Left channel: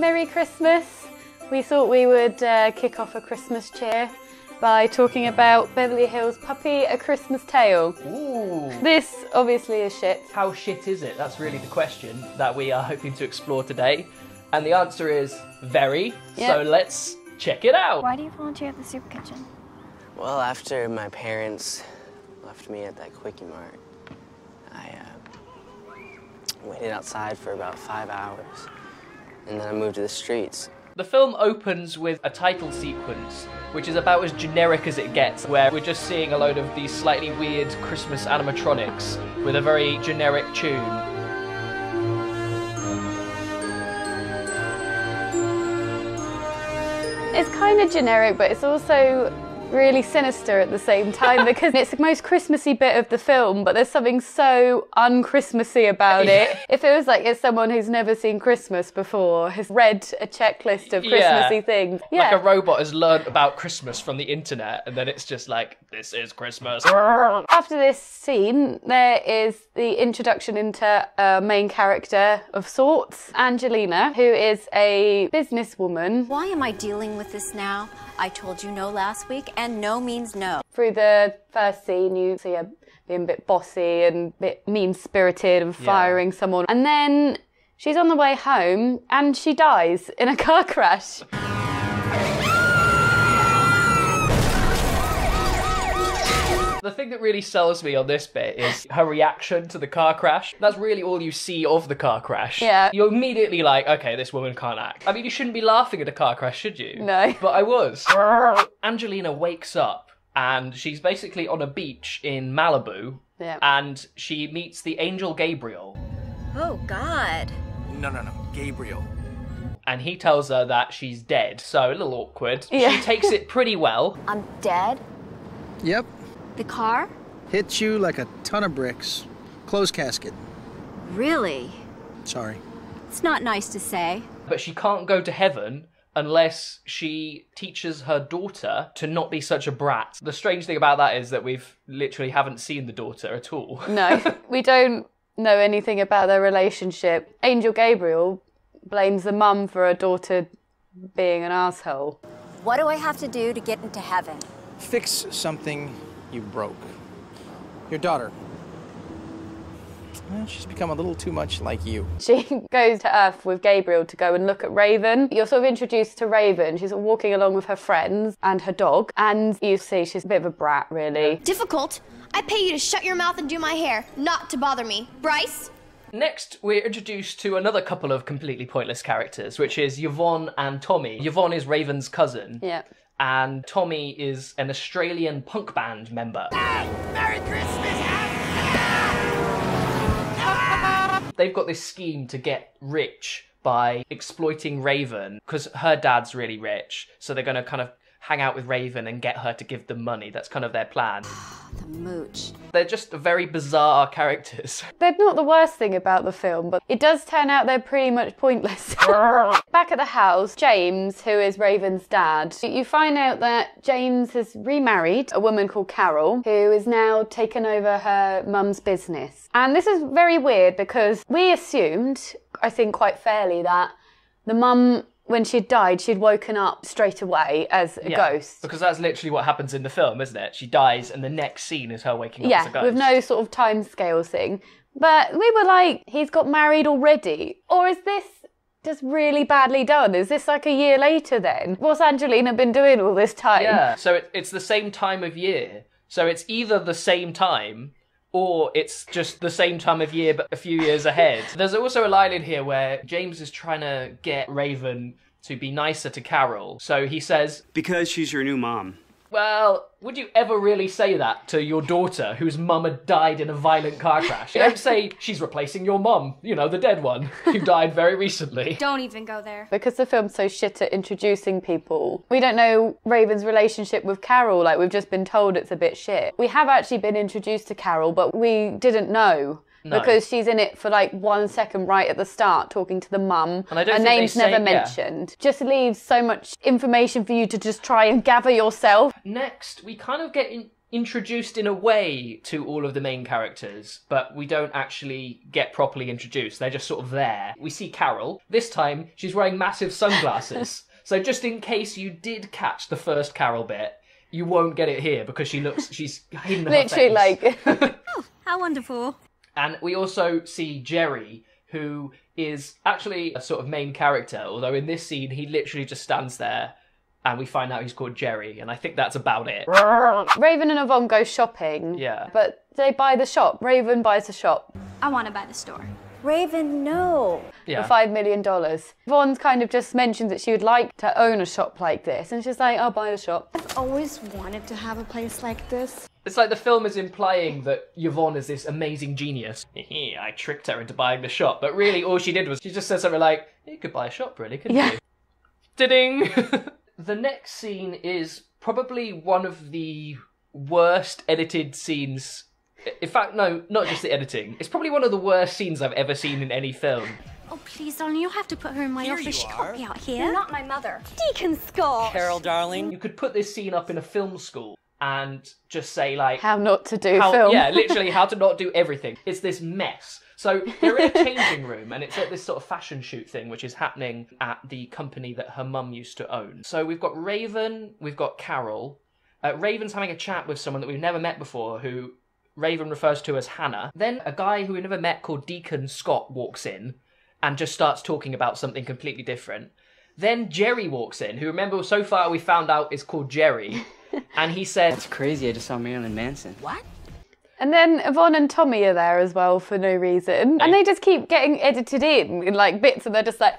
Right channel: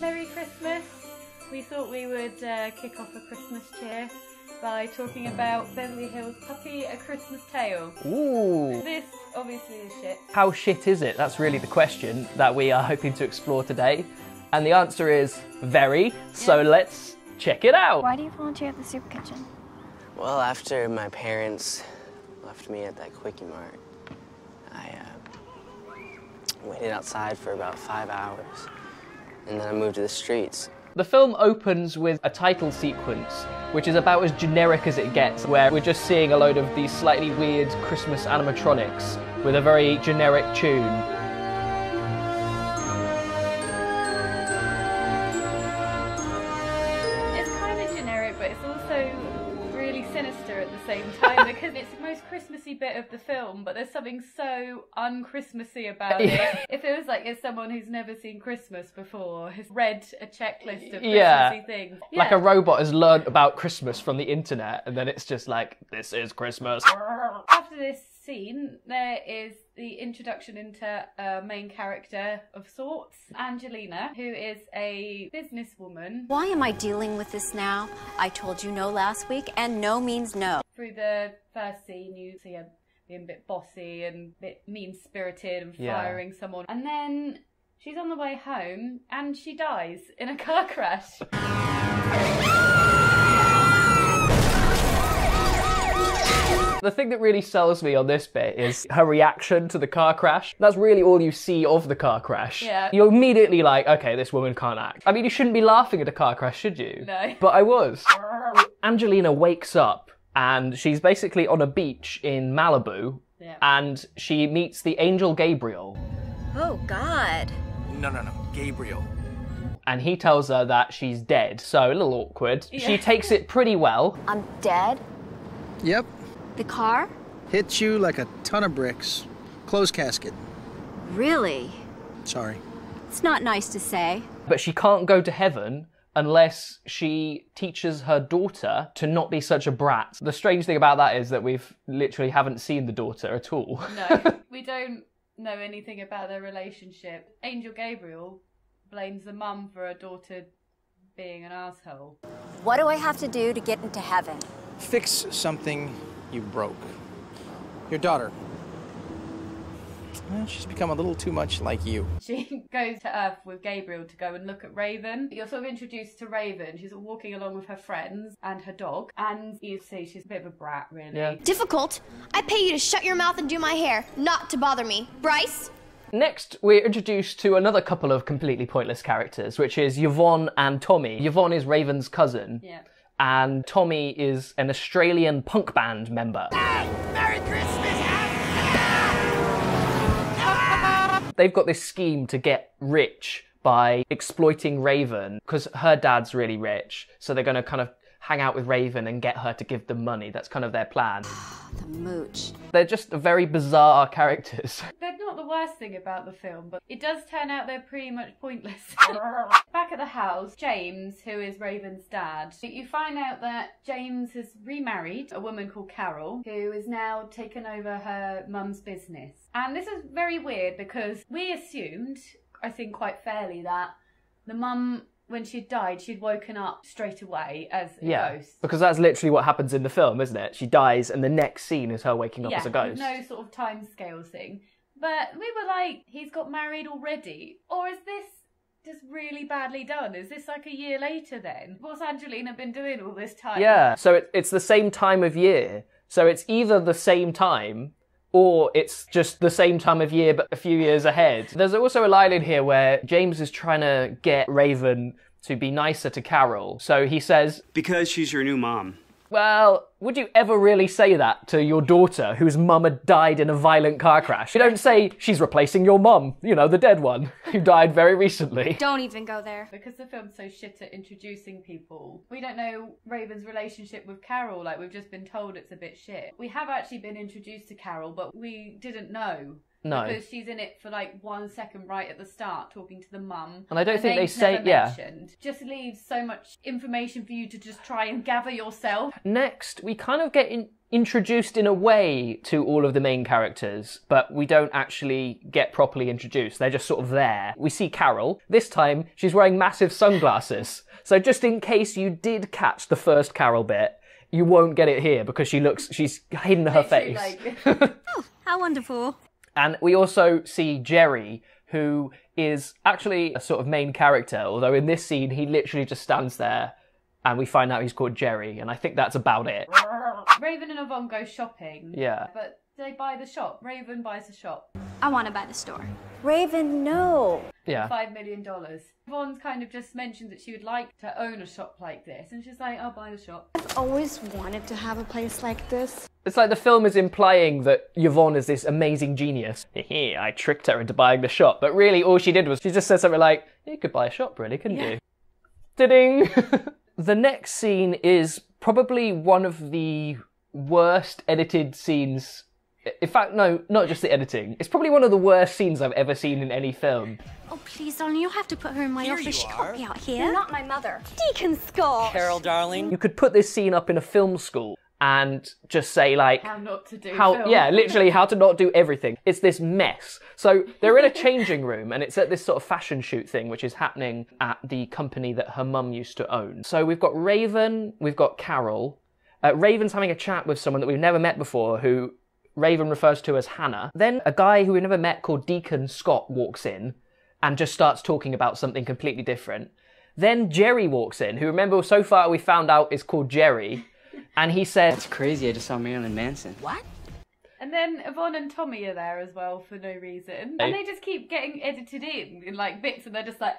Merry Christmas. We thought we would kick off a Christmas cheer by talking about Beverly Hills Puppy, A Christmas Tale. Ooh. This obviously is shit. How shit is it? That's really the question that we are hoping to explore today. And the answer is very, so let's check it out. Why do you volunteer at the soup kitchen? Well, after my parents left me at that Quickie Mart, I waited outside for about 5 hours, and then I moved to the streets. The film opens with a title sequence, which is about as generic as it gets, where we're just seeing a load of these slightly weird Christmas animatronics with a very generic tune. It's kind of generic, but it's also really sinister at the same time because it's the most Christmassy bit of the film, but there's something so un-Christmassy about it. It feels like it's someone who's never seen Christmas before, has read a checklist of Christmassy things. Like a robot has learned about Christmas from the internet, and then it's just like, this is Christmas. After this scene, there is the introduction into a main character of sorts, Angelina, who is a businesswoman. Why am I dealing with this now? I told you no last week, and no means no. Through the first scene, you see her being a bit bossy and a bit mean-spirited and firing someone. And then she's on the way home and she dies in a car crash. The thing that really sells me on this bit is her reaction to the car crash. That's really all you see of the car crash. Yeah. You're immediately like, okay, this woman can't act. I mean, you shouldn't be laughing at a car crash, should you? No. But I was. Angelina wakes up and she's basically on a beach in Malibu. Yeah. And she meets the angel Gabriel. Oh, God. No, Gabriel. And he tells her that she's dead. So, a little awkward. Yeah. She takes it pretty well. I'm dead? Yep. The car? Hit you like a ton of bricks. Closed casket. Really? Sorry. It's not nice to say. But she can't go to heaven unless she teaches her daughter to not be such a brat. The strange thing about that is that we've literally haven't seen the daughter at all. No, we don't know anything about their relationship. Angel Gabriel blames the mum for her daughter being an asshole. What do I have to do to get into heaven? Fix something you broke. Your daughter. Well, she's become a little too much like you. She goes to Earth with Gabriel to go and look at Raven. You're sort of introduced to Raven. She's walking along with her friends and her dog, and you see she's a bit of a brat, really. Difficult? I pay you to shut your mouth and do my hair, not to bother me. Bryce? Next, we're introduced to another couple of completely pointless characters, which is Yvonne and Tommy. Yvonne is Raven's cousin. Yeah. And Tommy is an Australian punk band member. Merry Christmas! They've got this scheme to get rich by exploiting Raven, because her dad's really rich, so they're going to kind of hang out with Raven and get her to give them money. That's kind of their plan. The mooch. They're just very bizarre characters. They're not the worst thing about the film, but it does turn out they're pretty much pointless. Back at the house, James, who is Raven's dad, you find out that James has remarried a woman called Carol, who is now taken over her mum's business. And this is very weird because we assumed, I think quite fairly, that the mum, when she'd died, she'd woken up straight away as a ghost. Because that's literally what happens in the film, isn't it? She dies and the next scene is her waking up as a ghost. With no sort of timescale thing. But we were like, he's got married already? Or is this just really badly done? Is this like a year later then? What's Angelina been doing all this time? Yeah, so it's the same time of year. So it's either the same time or it's just the same time of year but a few years ahead. There's also a line in here where James is trying to get Raven to be nicer to Carol. So he says, because she's your new mom. well, would you ever really say that to your daughter whose mum had died in a violent car crash? You don't say, she's replacing your mum, you know, the dead one, who died very recently. Don't even go there. Because the film's so shit at introducing people, we don't know Raven's relationship with Carol. Like, we've just been told it's a bit shit. We have actually been introduced to Carol, but we didn't know. No. Because she's in it for like 1 second right at the start, talking to the mum. And I don't Her think name's never mentioned. Just leaves so much information for you to just try and gather yourself. Next, we kind of get introduced in a way to all of the main characters, but we don't actually get properly introduced. They're just sort of there. We see Carol. This time, she's wearing massive sunglasses. So just in case you did catch the first Carol bit, you won't get it here because she's hidden her face. Literally, like... Oh, how wonderful. And we also see Jerry, who is actually a sort of main character, although in this scene, he literally just stands there and we find out he's called Jerry, and I think that's about it. Raven and Yvonne go shopping. Yeah. But they buy the shop. Raven buys the shop. I want to buy the store. Raven, no. Yeah. For $5 million. Yvonne kind of just mentions that she would like to own a shop like this, and she's like, I'll buy the shop. I've always wanted to have a place like this. It's like the film is implying that Yvonne is this amazing genius. I tricked her into buying the shop, but really all she did was she just said something like, you could buy a shop, really, couldn't you? Ding! The next scene is probably one of the worst edited scenes. In fact, no, not just the editing. It's probably one of the worst scenes I've ever seen in any film. Oh, please, darling, you'll have to put her in my office. She can't be out here. You're not my mother. Deacon Scott. Carol, darling. You could put this scene up in a film school and just say, like... How not to do film. Yeah, literally how to not do everything. It's this mess. So they're in a changing room and it's at this sort of fashion shoot thing which is happening at the company that her mum used to own. So we've got Raven, we've got Carol. Raven's having a chat with someone that we've never met before who Raven refers to as Hannah. Then a guy who we never met called Deacon Scott walks in and just starts talking about something completely different. Then Jerry walks in, who, remember, so far we found out is called Jerry, and he said... That's crazy, I just saw Marilyn Manson. What? And then Yvonne and Tommy are there as well for no reason. And they just keep getting edited in like bits, and they're just like...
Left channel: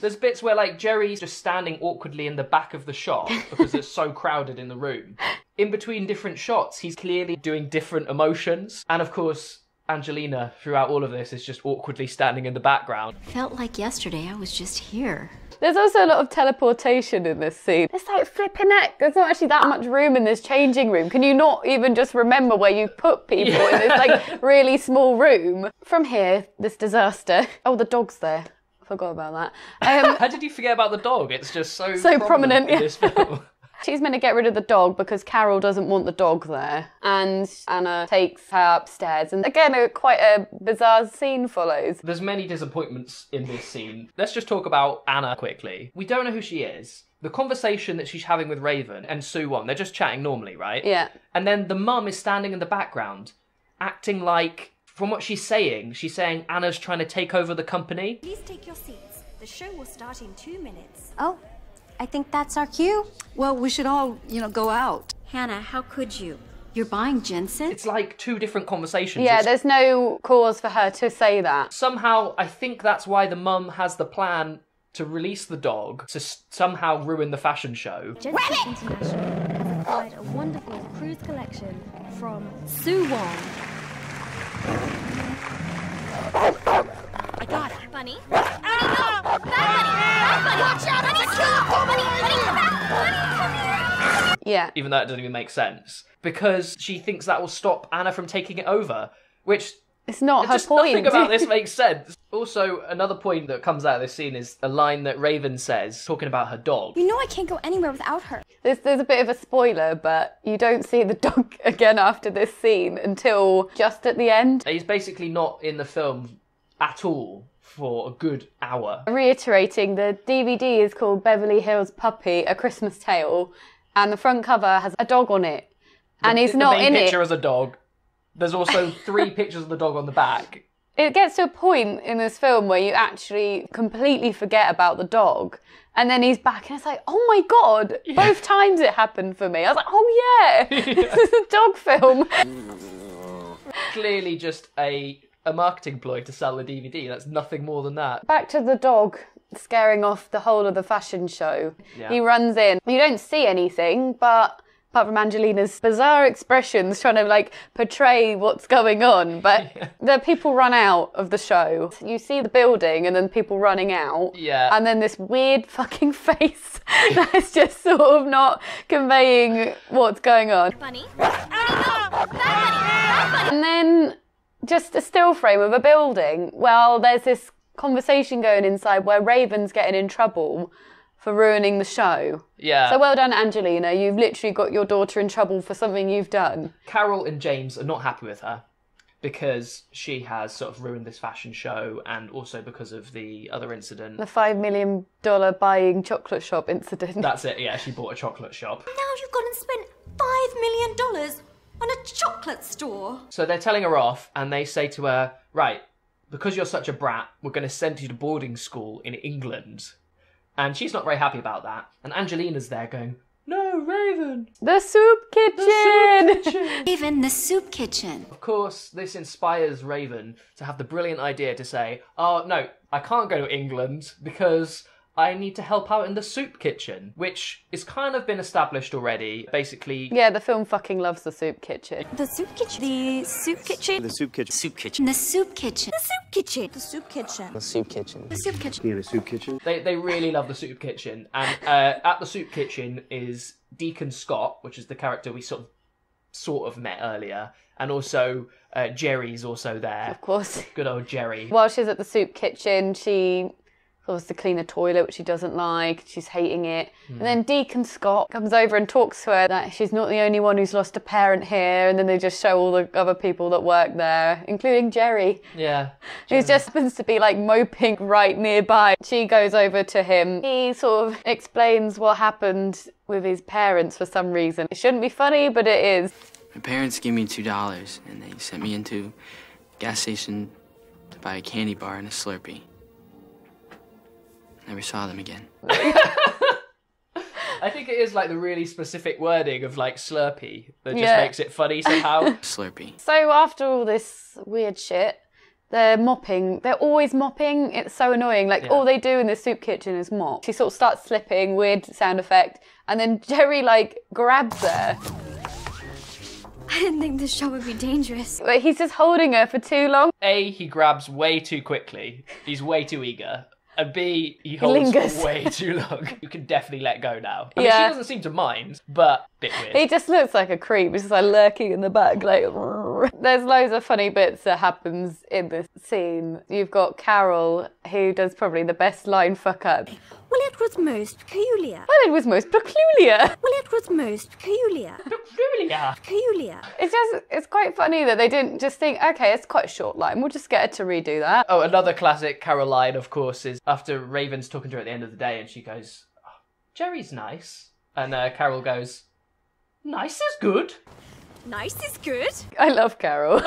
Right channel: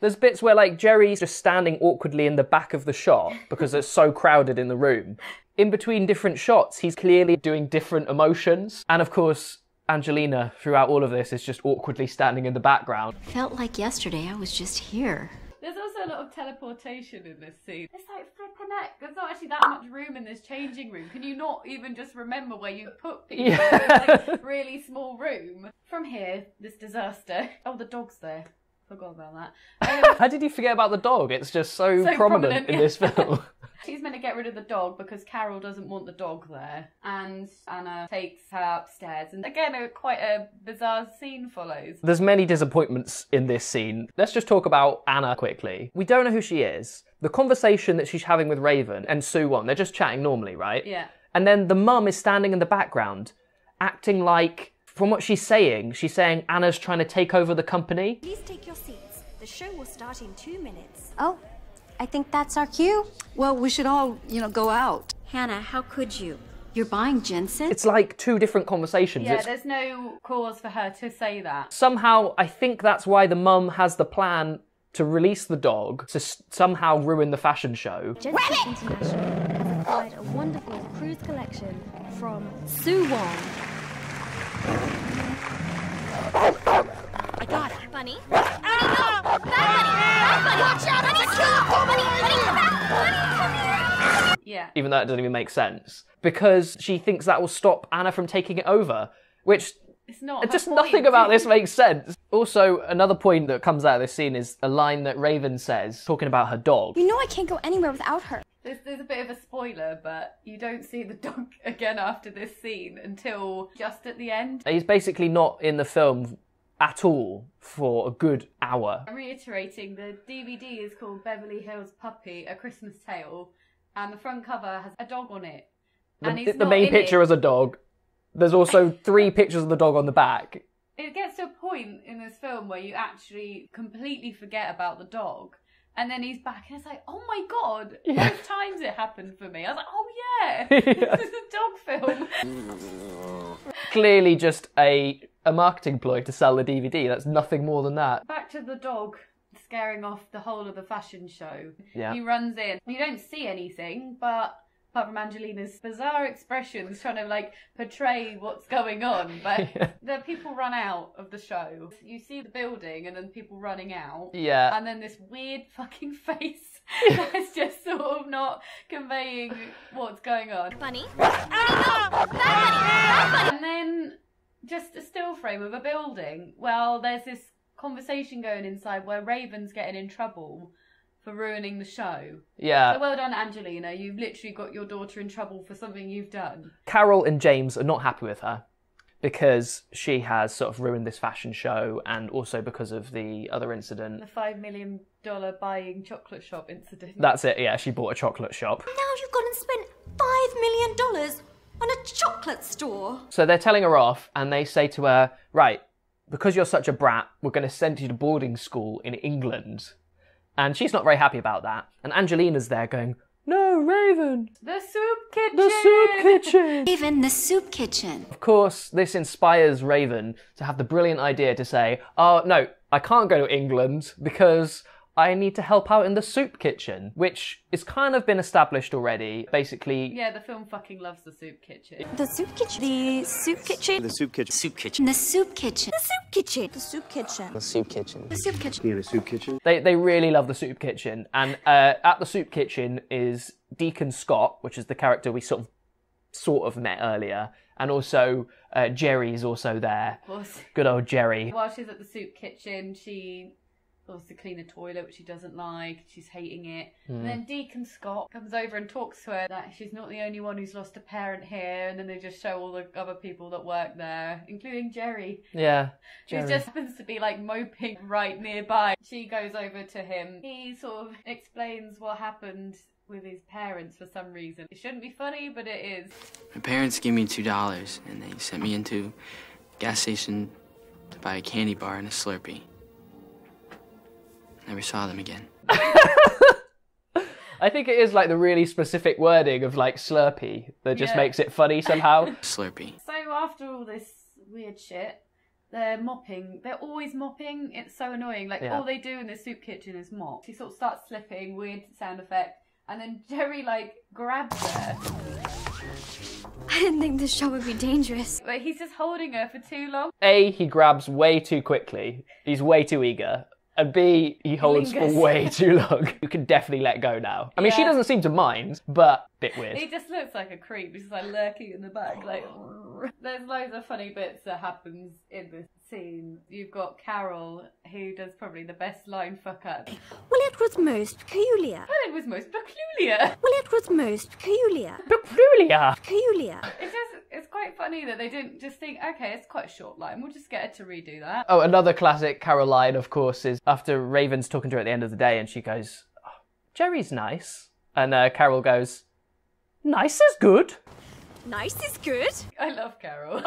There's bits where, like, Jerry's just standing awkwardly in the back of the shop because it's so crowded in the room. In between different shots, he's clearly doing different emotions. And, of course, Angelina, throughout all of this, is just awkwardly standing in the background. Felt like yesterday I was just here. There's also a lot of teleportation in this scene. It's like flipping heck. There's not actually that much room in this changing room. Can you not even just remember where you put people in this like really small room? From here, this disaster. Oh, the dog's there. Forgot about that. How did you forget about the dog? It's just so prominent in this film. She's meant to get rid of the dog because Carol doesn't want the dog there. And Anna takes her upstairs. And again, quite a bizarre scene follows. There's many disappointments in this scene. Let's just talk about Anna quickly. We don't know who she is. The conversation that she's having with Raven and Sue Won, they're just chatting normally, right? Yeah. And then the mum is standing in the background, acting like, from what she's saying Anna's trying to take over the company. Please take your seats. The show will start in 2 minutes. Oh, I think that's our cue. Well, we should all, go out. Hannah, how could you? You're buying ginseng? It's like two different conversations. Yeah, there's no cause for her to say that. Somehow, I think that's why the mum has the plan to release the dog to somehow ruin the fashion show. Ginseng International has acquired a wonderful cruise collection from Sue Wong. I got it. Bunny? Bunny, no! Bad Bunny! Bad Bunny! Watch out! Bunny, stop! Bunny, come here! Yeah. Even though it doesn't even make sense. Because she thinks that will stop Anna from taking it over. Which... It's not her just point. Nothing about this makes sense. Also, another point that comes out of this scene is a line that Raven says, talking about her dog. You know I can't go anywhere without her. There's a bit of a spoiler, but you don't see the dog again after this scene until just at the end. He's basically not in the film at all for a good hour. Reiterating, the DVD is called Beverly Hills Puppy, A Christmas Tale, and the front cover has a dog on it. And he's not in it. The main picture is a dog. There's also 3 pictures of the dog on the back. It gets to a point in this film where you actually completely forget about the dog. And then he's back and it's like, oh my God, both times it happened for me. I was like, oh yeah, this is a dog film. Clearly just a marketing ploy to sell the DVD. That's nothing more than that. Back to the dog scaring off the whole of the fashion show. Yeah. He runs in. You don't see anything, but... apart from Angelina's bizarre expressions trying to portray what's going on, but the people run out of the show. You see the building and then people running out. Yeah. And then this weird fucking face that's just sort of not conveying what's going on. Bunny? Bunny, no! Bad Bunny! Bad Bunny! And then just a still frame of a building. Well, there's this conversation going inside where Raven's getting in trouble for ruining the show. Yeah. So well done, Angelina. You've literally got your daughter in trouble for something you've done. Carol and James are not happy with her because she has sort of ruined this fashion show, and also because of the other incident. The $5 million buying chocolate shop incident. That's it, yeah, she bought a chocolate shop. Now you've gone and spent $5 million on a chocolate store. So they're telling her off, and they say to her, right, because you're such a brat, we're going to send you to boarding school in England. And she's not very happy about that. And Angelina's there going, no, Raven! The soup kitchen! The soup kitchen! Raven, the soup kitchen. Of course, this inspires Raven to have the brilliant idea to say, oh, no, I can't go to England because I need to help out in the soup kitchen, which is kind of been established already. Basically... Yeah, the film fucking loves the soup kitchen. The soup kitchen. The soup kitchen. The soup kitchen. Soup kitchen. The soup kitchen. The soup kitchen. The soup kitchen. The soup kitchen. The soup kitchen. Yeah, the soup kitchen. They really love the soup kitchen. And at the soup kitchen is Deacon Scott, which is the character we sort of met earlier. And also Jerry's also there. Of course. Good old Jerry. While she's at the soup kitchen, she goes to clean a toilet, which she doesn't like. She's hating it. And then Deacon Scott comes over and talks to her that she's not the only one who's lost a parent here. And then they just show all the other people that work there, including Jerry. Yeah. Who just happens to be like moping right nearby. She goes over to him. He sort of explains what happened with his parents for some reason. It shouldn't be funny, but it is. My parents gave me $2 and they sent me into a gas station to buy a candy bar and a Slurpee. Never saw them again. I think it is like the really specific wording of like Slurpee that just makes it funny somehow. Slurpee. So after all this weird shit, they're mopping. They're always mopping. It's so annoying. Like, all they do in the soup kitchen is mop. She sort of starts slipping, weird sound effect, and then Jerry, like, grabs her. I didn't think this show would be dangerous. Like, he's just holding her for too long. A, he grabs way too quickly. He's way too eager. And B, he holds lingers. way too long. You can definitely let go now. I mean, she doesn't seem to mind, but a bit weird. He just looks like a creep. He's just like lurking in the back, like... There's loads of funny bits that happens in this scene. You've got Carol, who does probably the best line fuck up. Well, it was most peculiar. Well, it was most peculiar. Well, it was most peculiar. Peculiar. Peculiar. It's quite funny that they didn't just think, okay, it's quite a short line, we'll just get her to redo that. Oh, another classic Carol line, of course, is after Raven's talking to her at the end of the day and she goes, oh, Jerry's nice. And Carol goes, nice is good. Nice is good. I love Carol.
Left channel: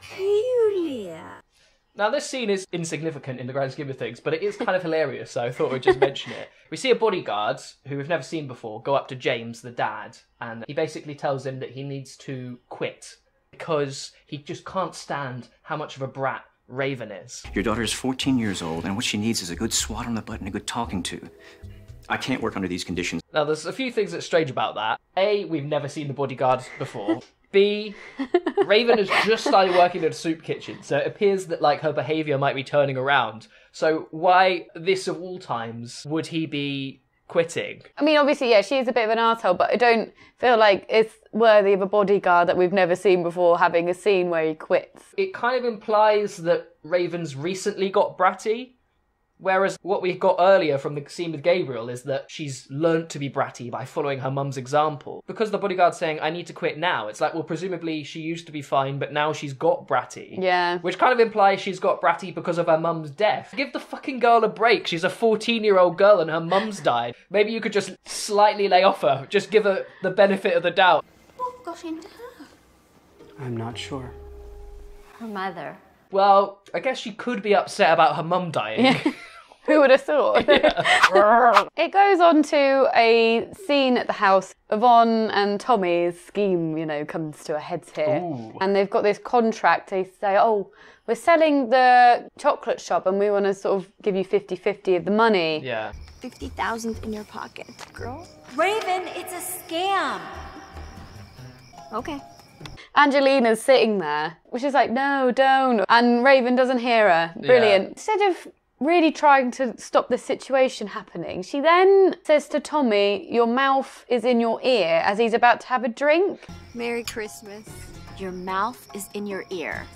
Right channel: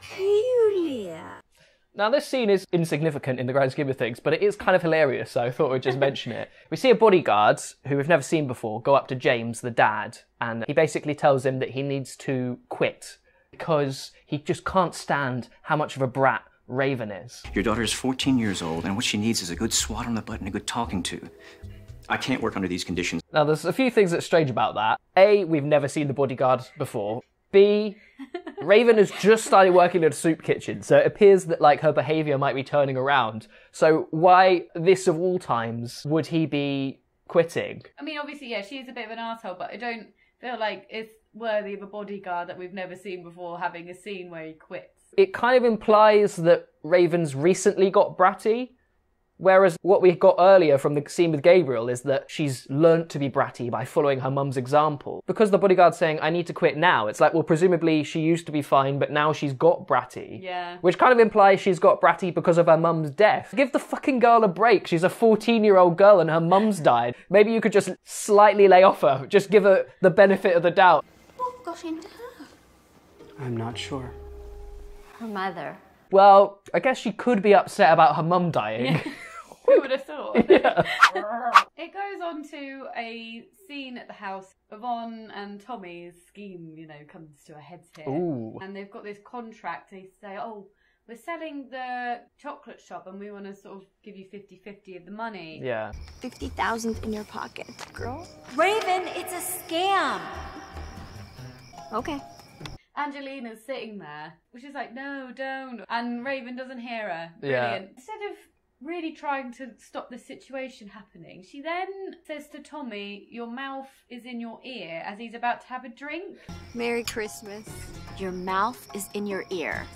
Peculiar. Now, this scene is insignificant in the grand scheme of things, but it is kind of hilarious, so I thought we'd just mention it. We see a bodyguard, who we've never seen before, go up to James, the dad, and he basically tells him that he needs to quit because he just can't stand how much of a brat Raven is. Your daughter is 14 years old, and what she needs is a good swat on the butt and a good talking to. I can't work under these conditions. Now, there's a few things that's strange about that. A, we've never seen the bodyguard before. B, Raven has just started working at a soup kitchen, so it appears that, like, her behaviour might be turning around. So why, this of all times, would he be quitting? I mean, obviously, yeah, she is a bit of an arsehole, but I don't feel like it's worthy of a bodyguard that we've never seen before having a scene where he quits. It kind of implies that Raven's recently got bratty, whereas what we got earlier from the scene with Gabriel is that she's learnt to be bratty by following her mum's example. Because the bodyguard's saying, I need to quit now, it's like, well, presumably she used to be fine, but now she's got bratty. Yeah. Which kind of implies she's got bratty because of her mum's death. Give the fucking girl a break. She's a 14-year-old girl and her mum's died. Maybe you could just slightly lay off her. Just give her the benefit of the doubt. What got into her? I'm not sure. Her mother. Well, I guess she could be upset about her mum dying. Yeah. Who would have thought? Yeah. It goes on to a scene at the house. Yvonne and Tommy's scheme, you know, comes to a head here. Ooh. And they've got this contract. They say, oh, we're selling the chocolate shop and we want to sort of give you 50-50 of the money. Yeah. 50,000 in your pocket, girl. Raven, it's a scam. Okay. Angelina's sitting there, which is like, no, don't. And Raven doesn't hear her. Brilliant. Yeah. Instead of really trying to stop the situation happening, she then says to Tommy, your mouth is in your ear, as he's about to have a drink. Merry Christmas. Your mouth is in your ear.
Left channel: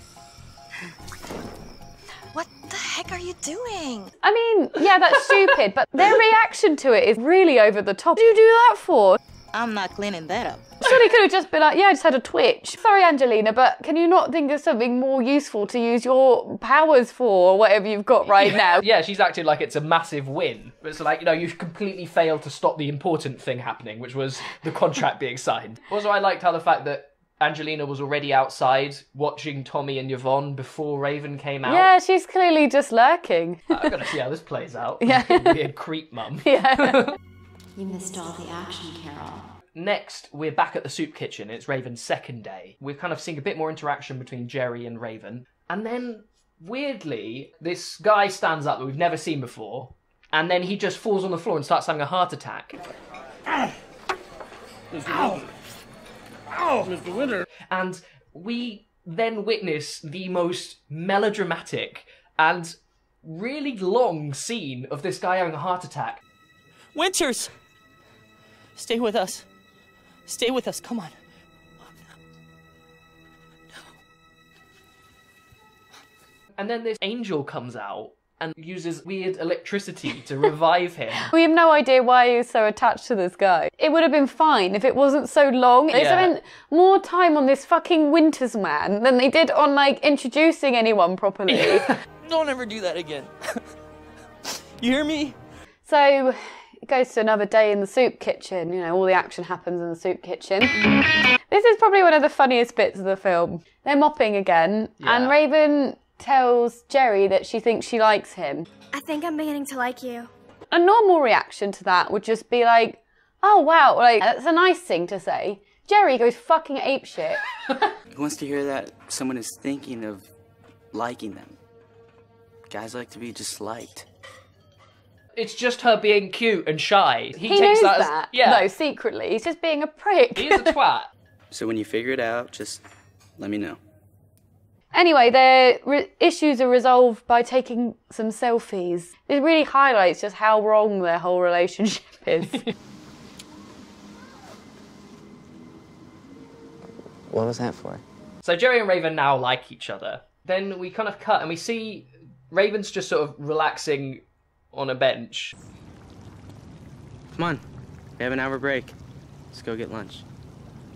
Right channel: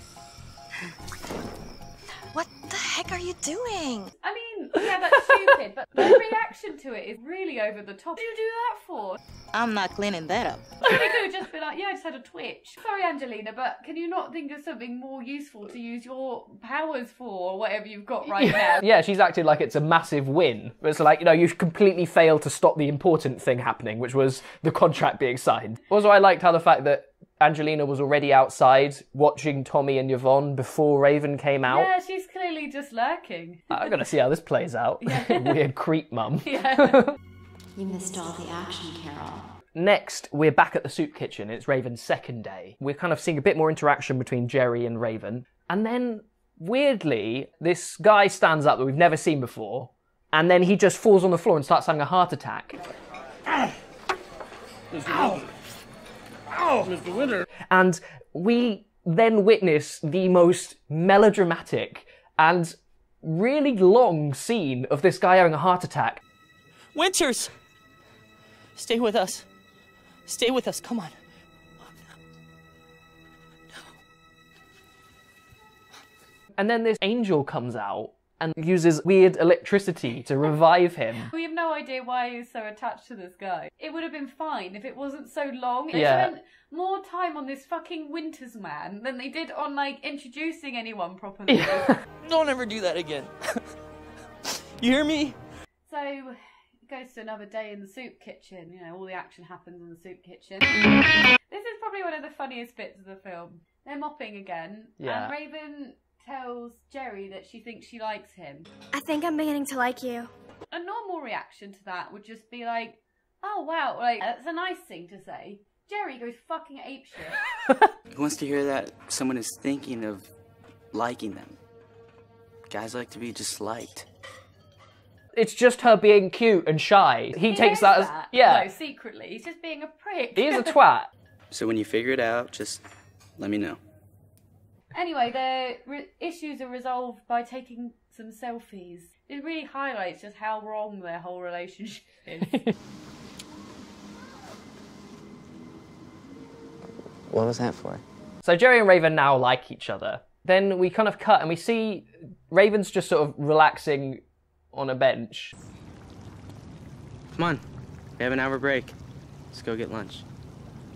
What the heck are you doing? I mean, yeah, that's stupid, but their reaction to it is really over the top. What do you do that for? I'm not cleaning that up. Surely could have just been like, yeah, I just had a twitch. Sorry, Angelina, but can you not think of something more useful to use your powers for, or whatever you've got right now? Yeah, she's acting like it's a massive win. But it's like, you've completely failed to stop the important thing happening, which was the contract being signed. Also, I liked how the fact that Angelina was already outside watching Tommy and Yvonne before Raven came out. Yeah, she's clearly just lurking. I'm going to see how this plays out. Yeah. Weird creep mum. Yeah. You missed all the action, Carol. Next, we're back at the soup kitchen. It's Raven's second day. We're kind of seeing a bit more interaction between Jerry and Raven. And then, weirdly, this guy stands up that we've never seen before. And then he just falls on the floor and starts having a heart attack. Ow! Ow, Mr. Winter. And we then witness the most melodramatic and really long scene of this guy having a heart attack. Winters! Stay with us. Stay with us, come on. And then this angel comes out and uses weird electricity to revive him. We have no idea why he was so attached to this guy. It would have been fine if it wasn't so long. They spent more time on this fucking Winters man than they did on, introducing anyone properly. Don't ever do that again. You hear me? So, it goes to another day in the soup kitchen. All the action happens in the soup kitchen. This is probably one of the funniest bits of the film. They're mopping again, and Raven tells Jerry that she thinks she likes him. I think I'm beginning to like you. A normal reaction to that would just be like, oh wow, that's a nice thing to say. Jerry goes fucking apeshit. Who wants to hear that someone is thinking of liking them? Guys like to be just liked. It's just her being cute and shy. He knows takes that as... that. Yeah. No, secretly. He's just being a prick. He's a twat. So when you figure it out, just let me know. Anyway, their issues are resolved by taking some selfies. It really highlights just how wrong their whole relationship is. What was that for? So Jerry and Raven now like each other. Then we kind of cut and we see Raven's just sort of relaxing on a bench. Come on, we have an hour break. Let's go get lunch.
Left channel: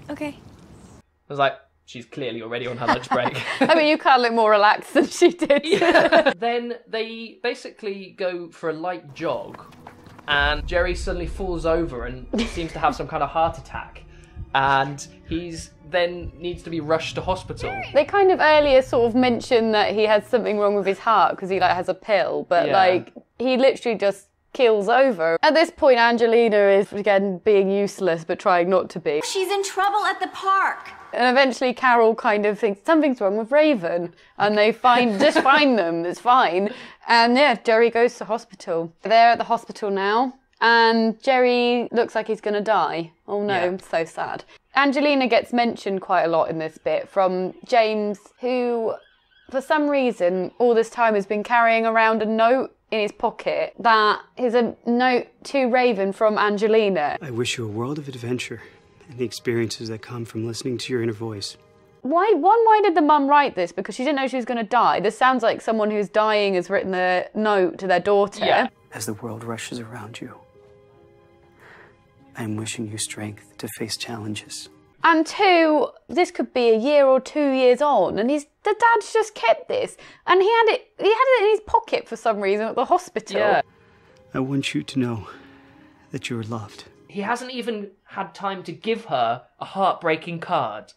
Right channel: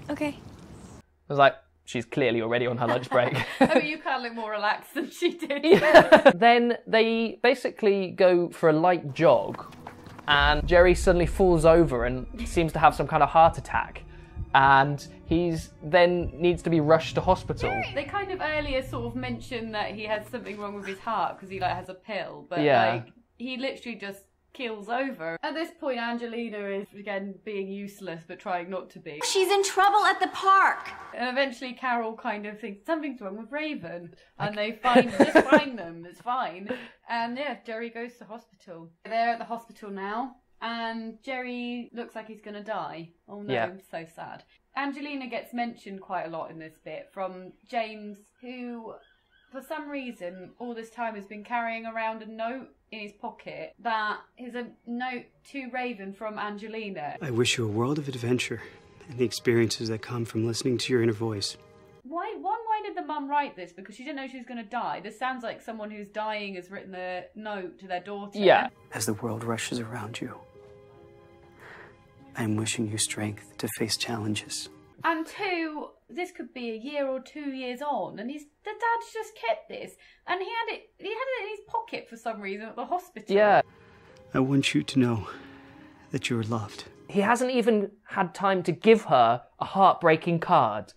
Okay. I was like, she's clearly already on her lunch break. I mean, you can't look more relaxed than she did. Then they basically go for a light jog, and Jerry suddenly falls over and seems to have some kind of heart attack. And he's then needs to be rushed to hospital. They kind of earlier sort of mentioned that he had something wrong with his heart because he has a pill, but he literally just keels over. At this point, Angelina is again being useless but trying not to be. She's in trouble at the park. And eventually Carol kind of thinks something's wrong with Raven, and they just find them. It's fine. And Jerry goes to hospital. They're at the hospital now. And Jerry looks like he's going to die. Oh no, I'm so sad. Angelina gets mentioned quite a lot in this bit from James, who, for some reason, all this time has been carrying around a note in his pocket that is a note to Raven from Angelina. I wish you a world of adventure and the experiences that come from listening to your inner voice. Why did the mum write this? Because she didn't know she was going to die. This sounds like someone who's dying has written a note to their daughter. Yeah. As the world rushes around you, I am wishing you strength to face challenges. And two, this could be a year or 2 years on, and the dad's just kept this, and he had it in his pocket for some reason at the hospital. Yeah. I want you to know that you are loved. He hasn't even had time to give her a heartbreaking card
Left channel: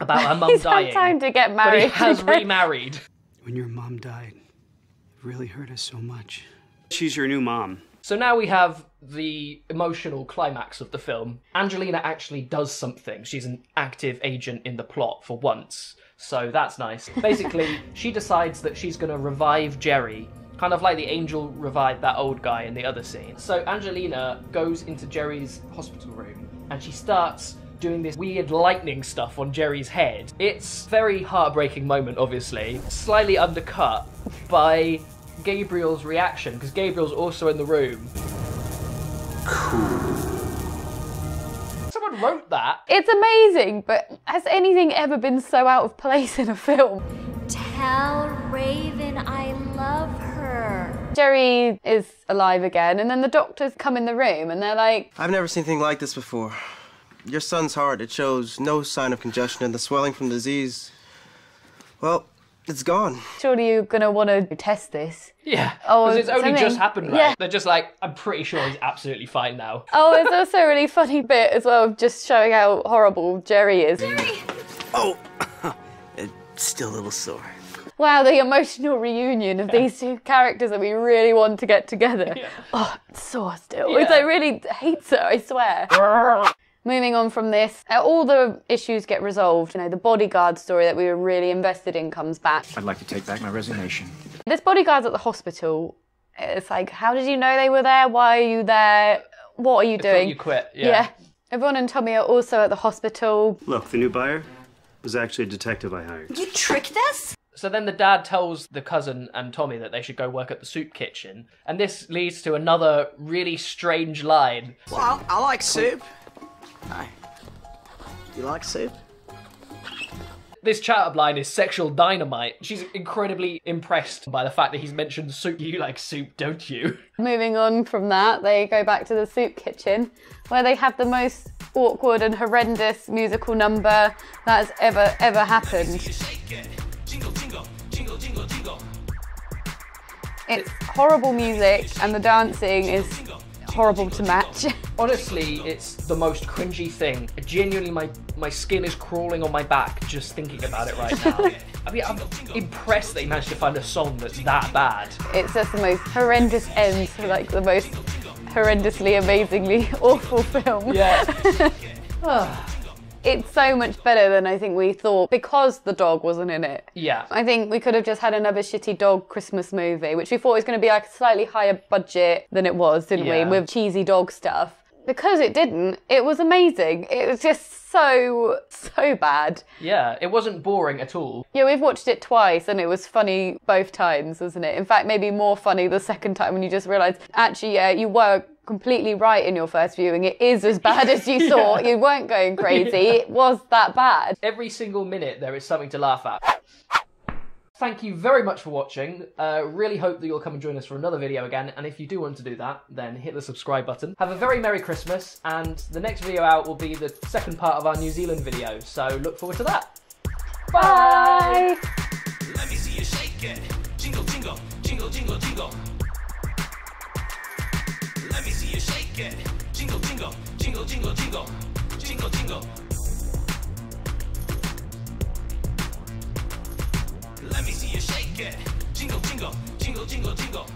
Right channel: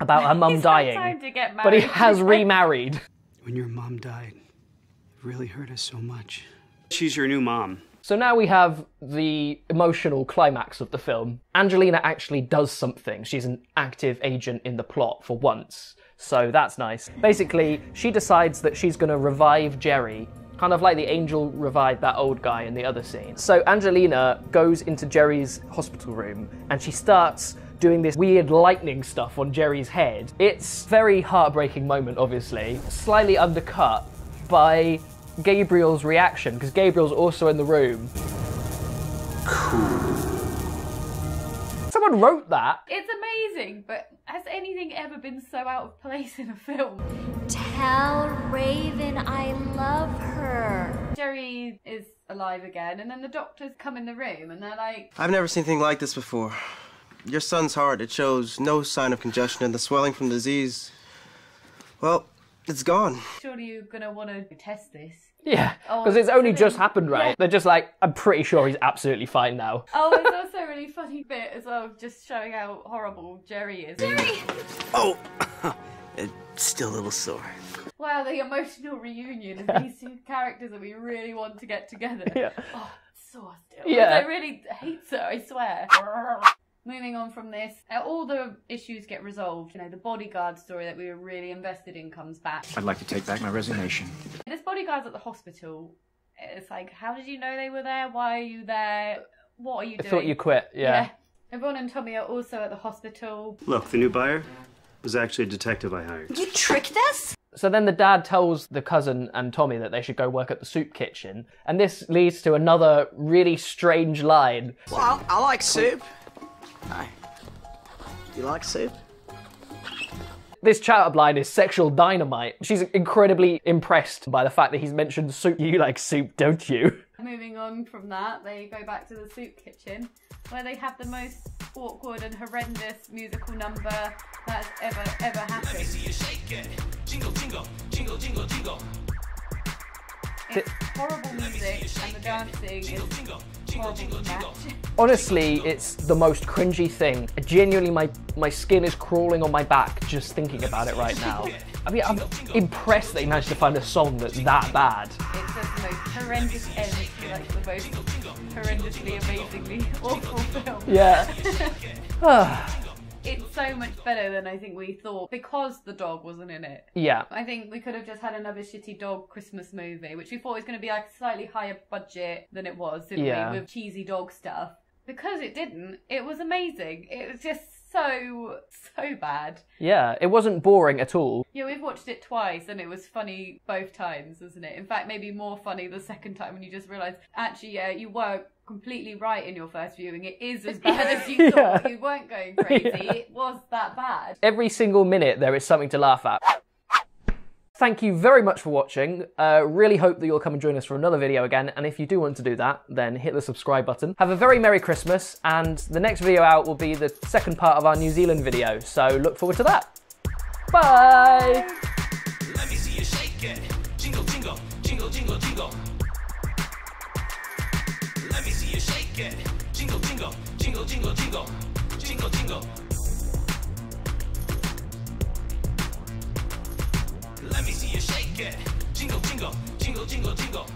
about her mum dying. He's had time to get married. But he has remarried. When your mom died, it really hurt us so much. She's your new mom. So now we have the emotional climax of the film. Angelina actually does something. She's an active agent in the plot for once. So that's nice. Basically, she decides that she's going to revive Jerry, kind of like the angel revived that old guy in the other scene. So Angelina goes into Jerry's hospital room and she starts doing this weird lightning stuff on Jerry's head. It's a very heartbreaking moment, obviously. Slightly undercut by Gabriel's reaction, because Gabriel's also in the room. Cool. Someone wrote that. It's amazing, but has anything ever been so out of place in a film? Tell Raven I love Jerry is alive again, and then the doctors come in the room and they're like, I've never seen anything like this before. Your son's heart, it shows no sign of congestion, and the swelling from disease, well, it's gone. surely you're going to want to test this. Yeah, Oh, because it's only something. just happened, right? Yeah. They're just like, I'm pretty sure he's absolutely fine now. Oh, there's also a really funny bit as well of just showing how horrible Jerry is. Oh, it's still a little sore. Wow, the emotional reunion of these two characters that we really want to get together. Yeah. Oh, it's sore still. Yeah. It's like really hates her, I swear. Moving on from this, all the issues get resolved. You know, the bodyguard story that we were really invested in comes back. I'd like to take back my resignation. This bodyguard's at the hospital. It's like, how did you know they were there? Why are you there? What are you I doing? thought you quit, yeah. Yvonne and Tommy are also at the hospital. Look, the new buyer was actually a detective I hired. You tricked us? So then the dad tells the cousin and Tommy that they should go work at the soup kitchen. And this leads to another really strange line. Well, I like soup. Hi. You like soup? This chat-up line is sexual dynamite. She's incredibly impressed by the fact that he's mentioned soup. You like soup, don't you? Moving on from that, they go back to the soup kitchen where they have the most awkward and horrendous musical number that's ever happened. It's horrible music and the dancing is horrible to match. Honestly, it's the most cringy thing. Genuinely, my skin is crawling on my back just thinking about it right now. I mean, I'm impressed they managed to find a song that's that bad. It's just the most horrendous end to like the most horrendously, amazingly awful film. Yeah. It's so much better than I think we thought because the dog wasn't in it. Yeah. I think we could have just had another shitty dog Christmas movie, which we thought was going to be like a slightly higher budget than it was, didn't we? Yeah. With cheesy dog stuff. Because it didn't, it was amazing. It was just so bad. Yeah, it wasn't boring at all. Yeah, we've watched it twice and it was funny both times, wasn't it? In fact, maybe more funny the second time when you just realise, actually, yeah, you were completely right in your first viewing. It is as bad as you thought. You weren't going crazy. It was that bad. Every single minute there is something to laugh at. Thank you very much for watching. Really hope that you'll come and join us for another video again. And if you do want to do that, then hit the subscribe button. Have a very Merry Christmas. And the next video out will be the second part of our New Zealand video. So look forward to that. Bye! Let me see you shake it. Jingle, jingle, jingle, jingle, jingle. Let me see you shake it. Jingle, jingle, jingle, jingle, jingle. Jingle, jingle. Let me see you shake it. Jingle, jingle, jingle, jingle, jingle.